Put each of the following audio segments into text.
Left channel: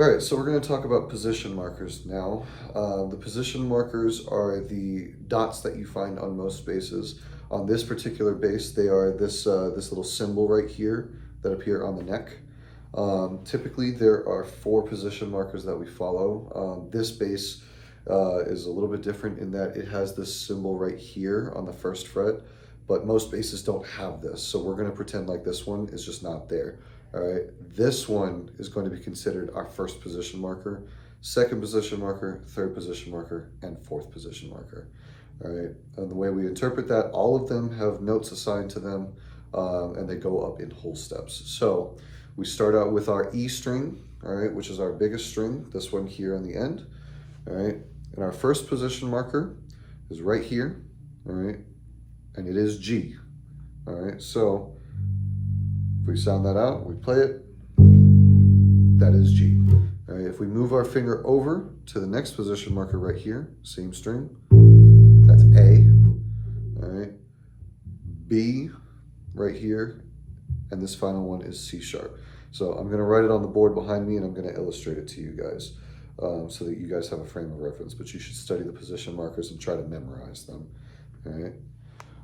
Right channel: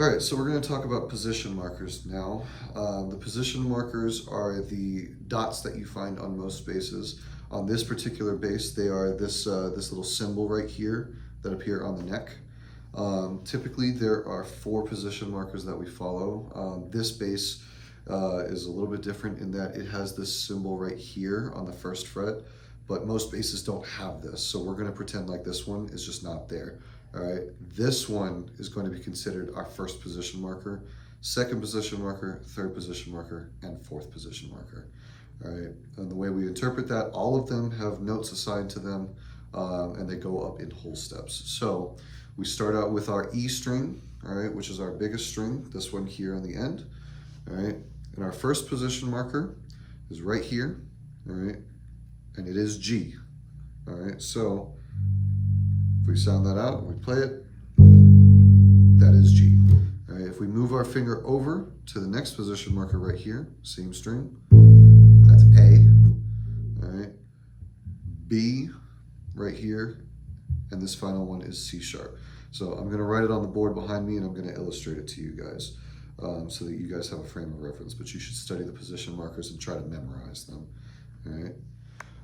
All right, so we're going to talk about position markers now. The position markers are the dots that you find on most bases. On this particular base, they are this little symbol right here that appear on the neck. Typically, there are 4 position markers that we follow. This base is a little bit different in that it has this symbol right here on the 1st fret, but most bases don't have this. So we're going to pretend like this one is just not there. All right, this one is going to be considered our 1st position marker, 2nd position marker, 3rd position marker, and 4th position marker. All right, and the way we interpret that, all of them have notes assigned to them, and they go up in whole steps. So we start out with our E string, all right, which is our biggest string, this one here on the end. All right, and our 1st position marker is right here, all right, and it is G. All right, so if we sound that out, we play it, that is G. All right, if we move our finger over to the next position marker right here, same string, that's A. All right, B right here, and this final one is C sharp. So I'm gonna write it on the board behind me and I'm gonna illustrate it to you guys so that you guys have a frame of reference, but you should study the position markers and try to memorize them, all right?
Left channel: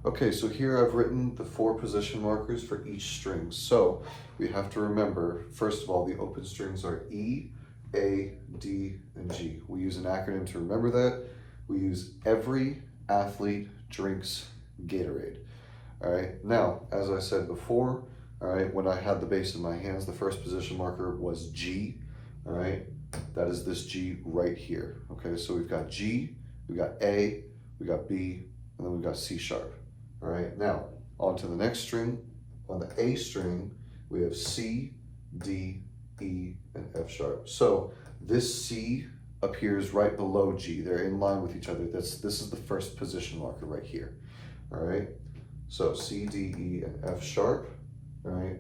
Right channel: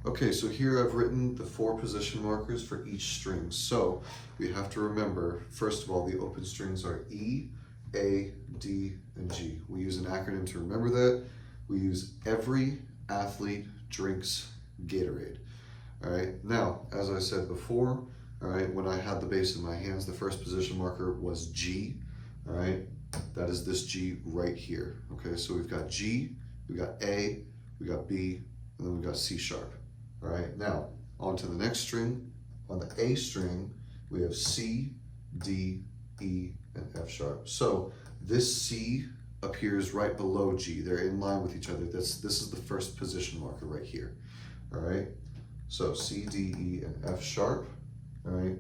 Okay, so here I've written the 4 position markers for each string. So we have to remember, first of all, the open strings are E, A, D, and G. We use an acronym to remember that. We use Every Athlete Drinks Gatorade. All right, now, as I said before, all right, when I had the base in my hands, the 1st position marker was G, all right? That is this G right here, okay? So we've got G, we've got A, we got B, and then we've got C sharp. All right, now on to the next string. On the A string, we have C, D, E, and F sharp. So this C appears right below G. They're in line with each other. This is the 1st position marker right here. All right, so C, D, E, and F sharp. All right,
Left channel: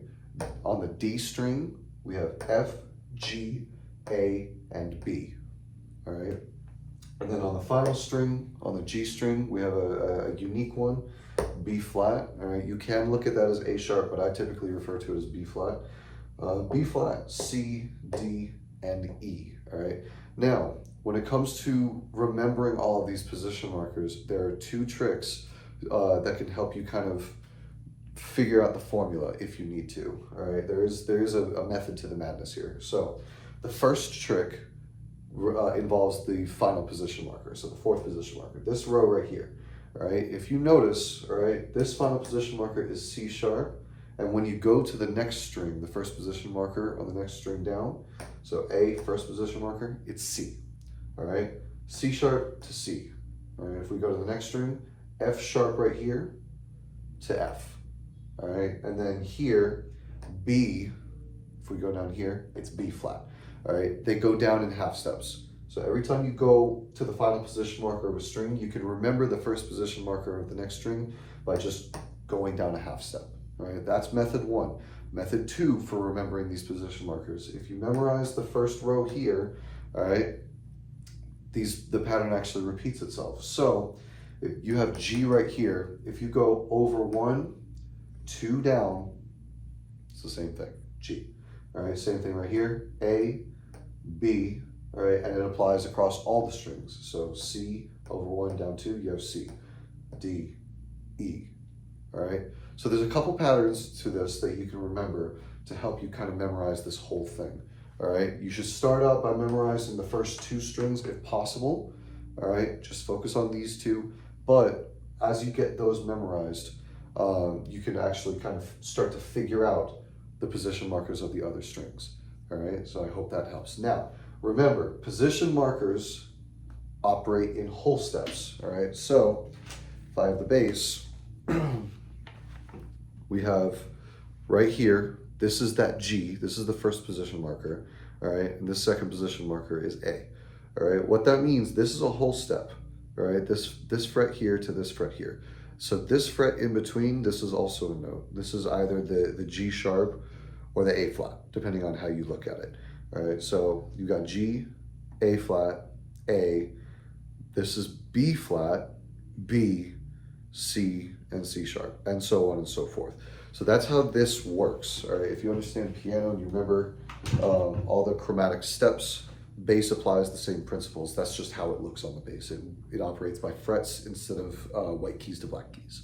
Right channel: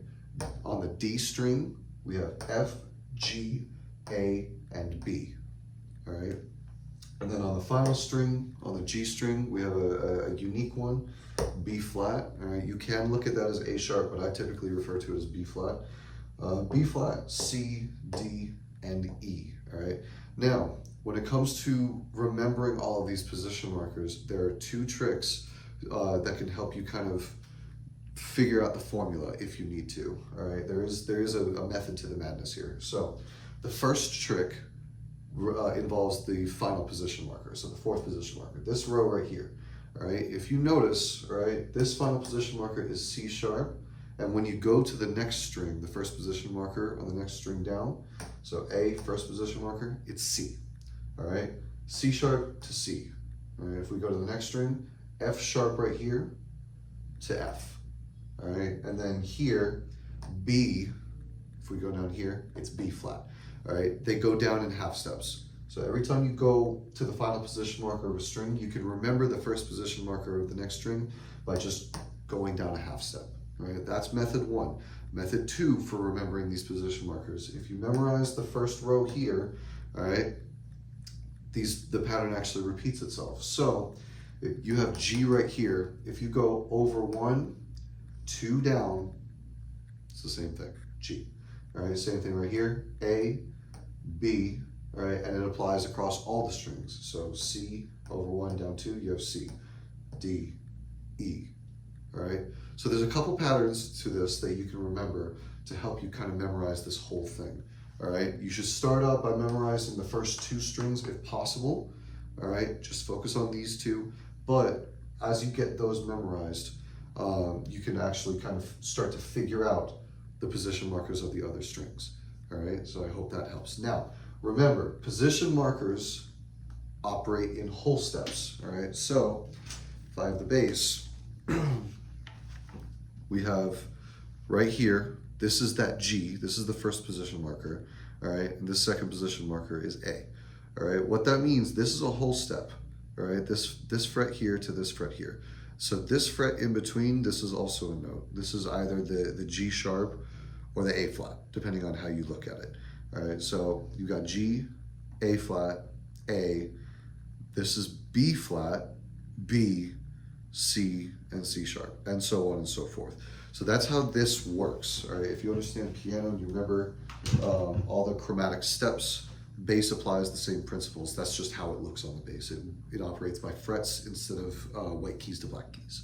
on the D string, we have F, G, A, and B. All right, and then on the final string, on the G string, we have a unique one, B flat. All right, you can look at that as A sharp, but I typically refer to it as B flat. B flat, C, D, and E. All right, now when it comes to remembering all of these position markers, there are 2 tricks that can help you kind of figure out the formula if you need to. All right, there is a method to the madness here. So the first trick involves the final position marker, so the 4th position marker, this row right here. All right, if you notice, all right, this final position marker is C sharp, and when you go to the next string, the 1st position marker on the next string down, so A, 1st position marker, it's C. All right, C sharp to C. All right, if we go to the next string, F sharp right here to F. All right, and then here, B, if we go down here, it's B flat. All right, they go down in half steps. So every time you go to the final position marker of a string, you can remember the 1st position marker of the next string by just going down a half step. All right, that's method 1. Method 2 for remembering these position markers. If you memorize the 1st row here, all right, the pattern actually repeats itself. So if you have G right here, if you go over 1, 2 down, it's the same thing, G. All right, same thing right here, A, B, all right, and it applies across all the strings. So C, over 1, down 2, you have C, D, E, all right? So there's a couple patterns to this that you can remember to help you kind of memorize this whole thing, all right? You should start out by memorizing the first 2 strings if possible, all right? Just focus on these 2, but as you get those memorized, you can actually kind of start to figure out the position markers of the other strings, all right? So I hope that helps. Now, remember, position markers operate in whole steps, all right? So if I have the base, we have right here, this is that G, this is the 1st position marker, all right? And this 2nd position marker is A, all right? What that means, this is a whole step, all right? This fret here to this fret here. So this fret in between, this is also a note. This is either the G sharp or the A flat, depending on how you look at it. All right, so you got G, A flat, A. This is B flat, B, C, and C sharp, and so on and so forth. So that's how this works, all right? If you understand piano and you remember all the chromatic steps, bass applies the same principles. That's just how it looks on the bass. It operates by frets instead of white keys to black keys.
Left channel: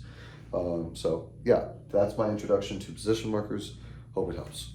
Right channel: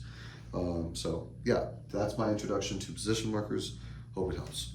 So yeah, that's my introduction to position markers. Hope it helps.